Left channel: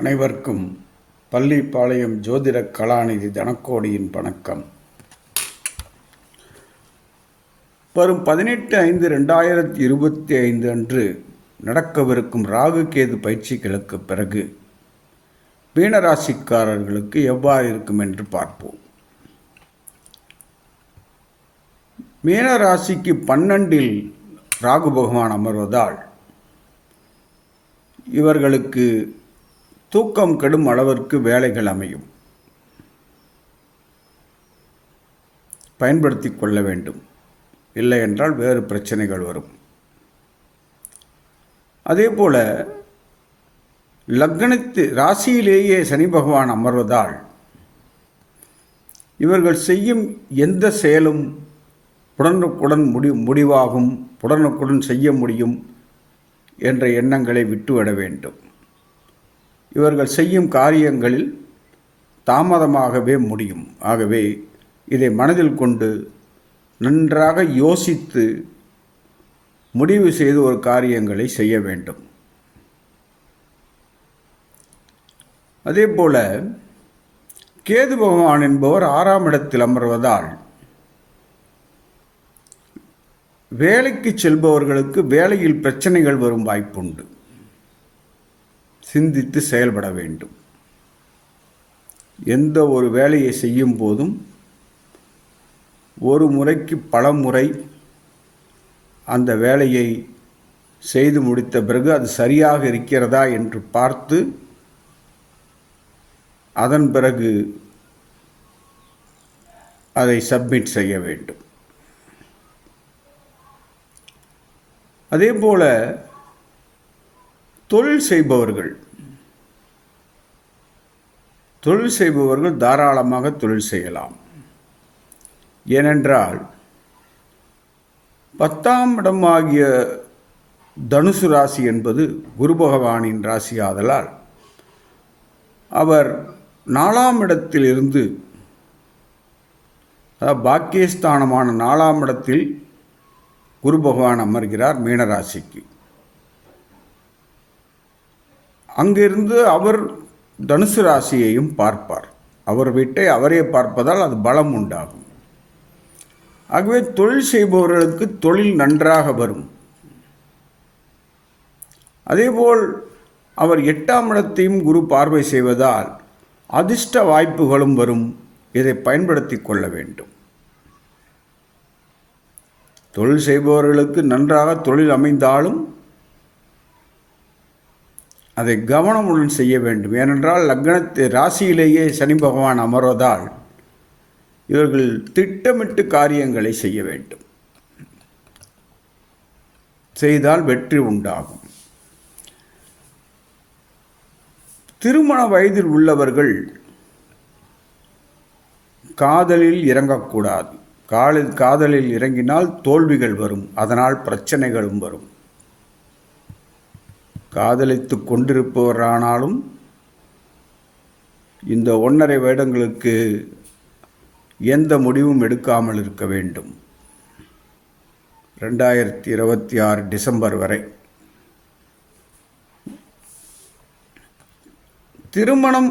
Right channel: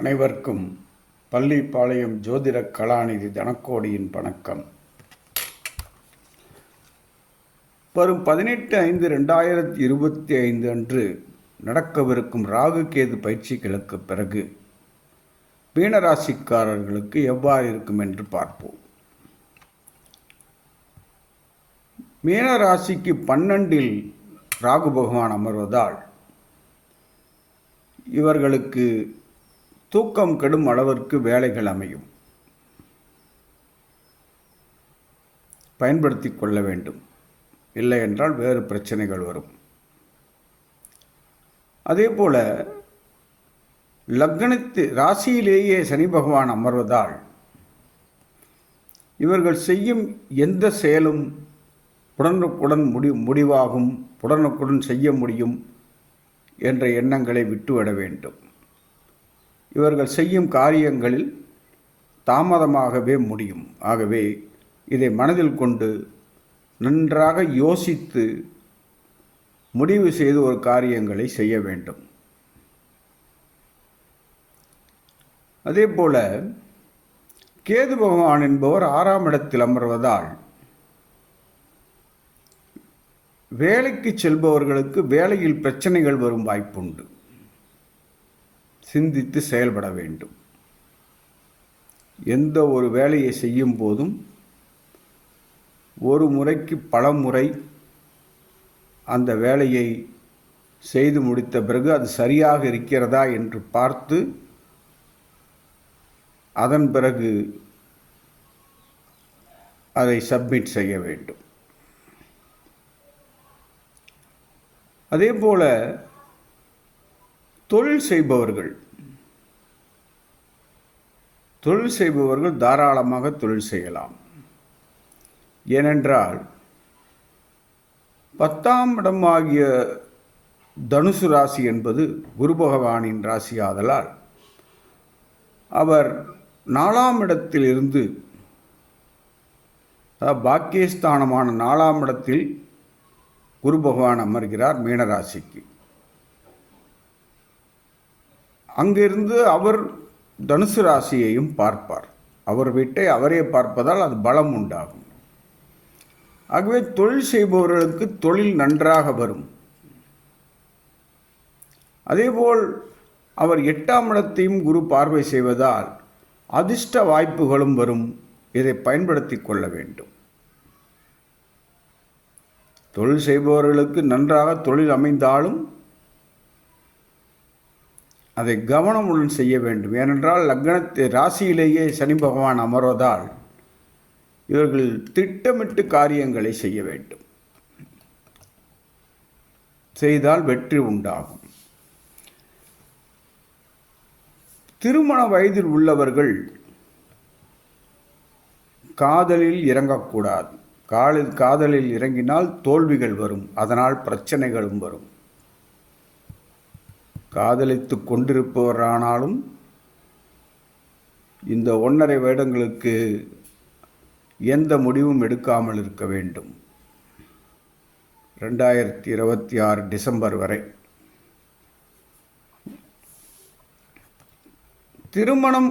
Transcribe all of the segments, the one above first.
அனைவருக்கும் பள்ளிப்பாளையம் ஜோதிட கலாநிதி தனக்கோடியின் வணக்கம். வரும் பதினெட்டு ஐந்து ரெண்டாயிரத்தி இருபத்தி ஐந்து அன்று நடக்கவிருக்கும் ராகு கேது பயிற்சிகளுக்கு பிறகு மீனராசிக்காரர்களுக்கு எவ்வாறு இருக்கும் என்று பார்ப்போம். மீனராசிக்கு பன்னெண்டில் ராகு பகவான் அமர்வதால் இவர்களுக்கு தூக்கம் கெடும் அளவிற்கு வேலைகள் அமையும். பயன்படுத்தி கொள்ள வேண்டும். இல்லை என்றால் வேறு பிரச்சனைகள் வரும். அதே போல லக்னத்து ராசியிலேயே சனி பகவான் அமர்வதால் இவர்கள் செய்யும் எந்த செயலும் உடனுக்குடன் முடி முடிவாகும் உடனுக்குடன் செய்ய முடியும் என்ற எண்ணங்களை விட்டுவிட வேண்டும். இவர்கள் செய்யும் காரியங்களில் தாமதமாகவே முடியும். ஆகவே இதை மனதில் கொண்டு நன்றாக யோசித்து முடிவு செய்து ஒரு காரியங்களை செய்ய வேண்டும். அதே போல கேது பகவான் என்பவர் ஆறாம் இடத்தில் அமர்வதால் வேலைக்கு செல்பவர்களுக்கு வேலையில் பிரச்சனைகள் வரும் வாய்ப்புண்டு. சிந்தித்து செயல்பட வேண்டும். எந்த ஒரு வேலையை செய்யும் போதும் ஒரு முறைக்கு பல முறை அந்த வேலையை செய்து முடித்த பிறகு அது சரியாக இருக்கிறதா என்று பார்த்து அதன் பிறகு அதை சப்மிட் செய்ய வேண்டும். அதே போல் தொழில் செய்பவர்கள். தொழில் செய்பவர்கள் தாராளமாக தொழில் செய்யலாம். ஏனென்றால் பத்தாம் இடமாகிய தனுசு ராசி என்பது குரு பகவானின் ராசி ஆதலால் அவர் நாலாம் இடத்திலிருந்து பாக்கியஸ்தானமான நாலாம் இடத்தில் குரு பகவான் அமர்கிறார் மீனராசிக்கு. அங்கிருந்து அவர் தனுசு ராசியையும் பார்ப்பார். அவர் வீட்டை அவரே பார்ப்பதால் அது பலம் உண்டாகும். ஆகவே தொழில் செய்பவர்களுக்கு தொழில் நன்றாக வரும். அதேபோல் அவர் எட்டாம் இடத்தையும் குரு பார்வை செய்வதால் அதிர்ஷ்ட வாய்ப்புகளும் வரும். இதை பயன்படுத்தி கொள்ள வேண்டும். தொழில் செய்பவர்களுக்கு நன்றாக தொழில் அமைந்தாலும் அதை கவனமுடன் செய்ய வேண்டும். ஏனென்றால் லக்னத்தை ராசியிலேயே சனி பகவான் அமர்வதால் இவர்கள் திட்டமிட்டு காரியங்களை செய்ய வேண்டும். செய்தால் வெற்றி உண்டாகும். திருமண வயதில் உள்ளவர்கள் காதலில் இறங்கக்கூடாது. காலில் காதலில் இறங்கினால் தோல்விகள் வரும். அதனால் பிரச்சனைகளும் வரும். காதலித்து கொண்டிருப்பவரானாலும் இந்த ஒன்றரை வருடங்களுக்கு எந்த முடிவும் எடுக்காமல் இருக்க வேண்டும். ரெண்டாயிரத்தி இருபத்தி ஆறு டிசம்பர் வரை. திருமணம்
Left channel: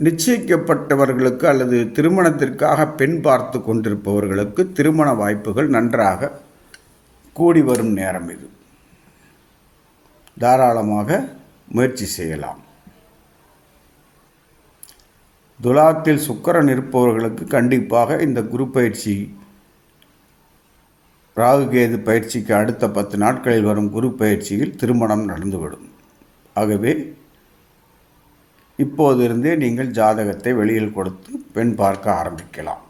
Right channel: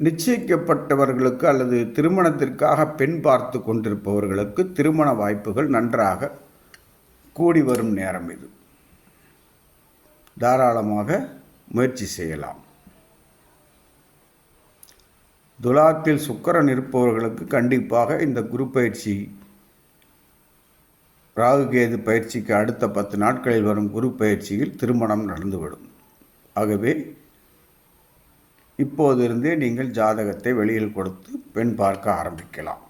நிச்சயிக்கப்பட்டவர்களுக்கு அல்லது திருமணத்திற்காக பெண் பார்த்து கொண்டிருப்பவர்களுக்கு திருமண வாய்ப்புகள் நன்றாக கூடி வரும் நேரம் இது. தாராளமாக முயற்சி செய்யலாம். துலாத்தில் சுக்கரன் இருப்பவர்களுக்கு கண்டிப்பாக இந்த குரு பயிற்சி ராகுகேது பயிற்சிக்கு அடுத்த பத்து நாட்களில் வரும் குரு பயிற்சியில் திருமணம் நடந்துவிடும். ஆகவே இப்போதிருந்தே நீங்கள் ஜாதகத்தை வெளியில் கொடுத்து பெண் பார்க்க ஆரம்பிக்கலாம்.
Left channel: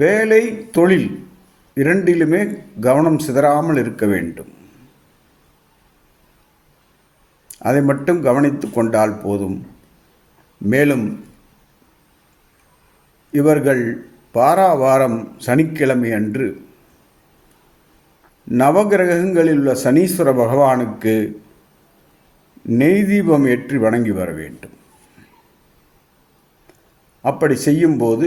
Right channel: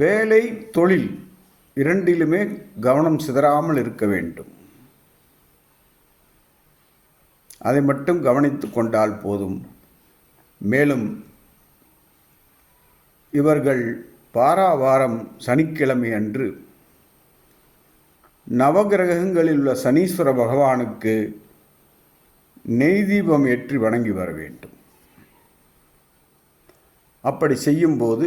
வேலை தொழில் இரண்டிலுமே கவனம் சிதறாமல் இருக்க வேண்டும். அதை மட்டும் கவனித்து கொண்டால் போதும். மேலும் இவர்கள் பாராவாரம் சனிக்கிழமை அன்று நவகிரகங்களில் உள்ள சனீஸ்வர பகவானுக்கு நெய் தீபம் ஏற்றி வணங்கி வர வேண்டும். அப்படி செய்யும்போது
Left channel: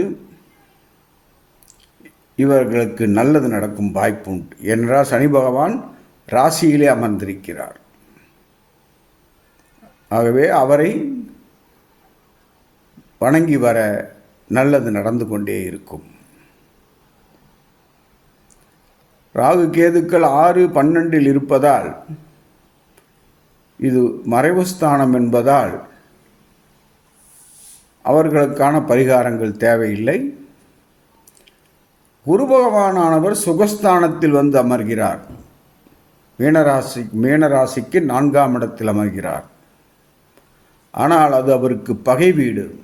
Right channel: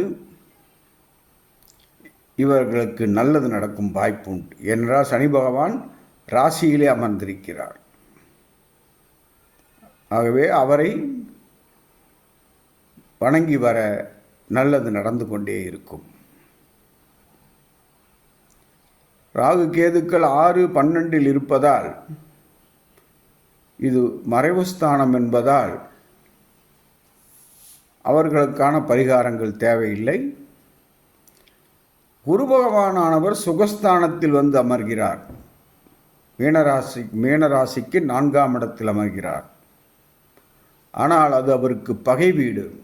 இவர்களுக்கு நல்லது நடக்கும் வாய்ப்பு உண்டு ஏனென்றால் சனி பகவான் ராசியிலே அமர்ந்திருக்கிறார். ஆகவே அவரை வணங்கி வர நல்லது நடந்து கொண்டே இருக்கும். ராகு கேதுக்கள் ஆறு பன்னெண்டில் இருப்பதால் இது மறைவுஸ்தானம் என்பதால் அவர்களுக்கான பரிகாரங்கள் தேவையில்லை. குரு பகவானானவர் சுகஸ்தானத்தில் வந்து அமர்கிறார். மீனராசி மீனராசிக்கு நான்காம் இடத்தில் அமர்கிறார். ஆனால் அது அவருக்கு பகை வீடு.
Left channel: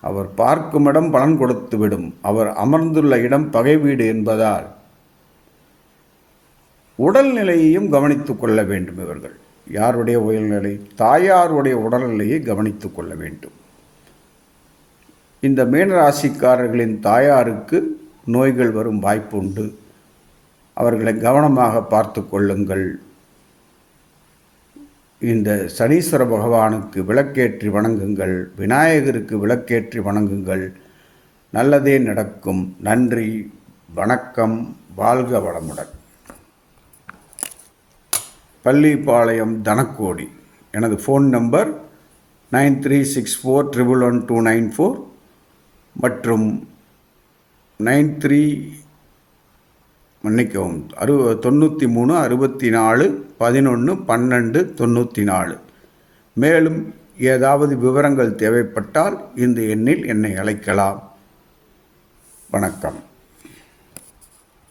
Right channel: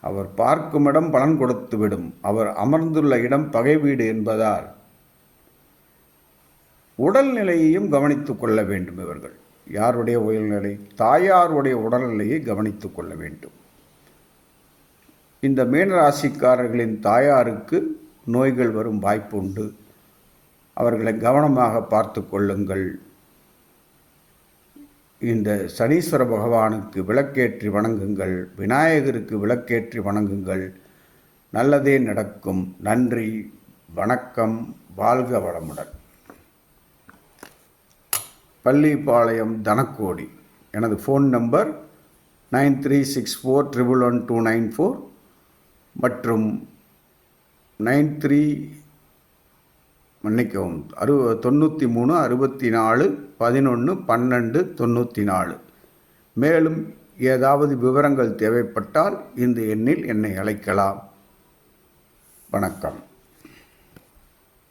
அவர் பார்க்கும் இடம் பலன் கொடுத்துவிடும் அவர் அமர்ந்துள்ள இடம் பகை வீடு என்பதால் உடல்நிலையையும் கவனித்துக் கொள்ள வேண்டும் இவர்கள். யாருடைய உடல்நிலை? தாயாருடைய உடல்நிலையை கவனித்துக் கொள்ள வேண்டும். இந்த மீனராசிக்காரர்களின் தாயாருக்கு நோய்கள் வரும் வாய்ப்பு உண்டு அவர்களை கவனமாக பார்த்து கொள்ளுங்கள். இந்த சனீஸ்வர பகவானுக்கு விளக்கேற்றி வணங்குங்கள். விநாயகருக்கு விளக்கேற்றி வணங்குங்கள். நல்லதே நடக்கும். நன்றி வணக்கம் வாழ்க வளமுடன். பள்ளிப்பாளையம் தனக்கோடி. எனது phone number nine three six four triple one two nine four. மற்றும் நைன் த்ரீ மன்னிக்கவும் அறு தொண்ணூற்றி மூணு அறுபத்தி நாலு பதினொன்று பன்னெண்டு தொண்ணூற்றி நாலு மேலும் ஏதாவது விவரங்கள் தேவைப்பட்டால் இந்த எண்ணில் என்னை அழைக்கலாம். வணக்கம்.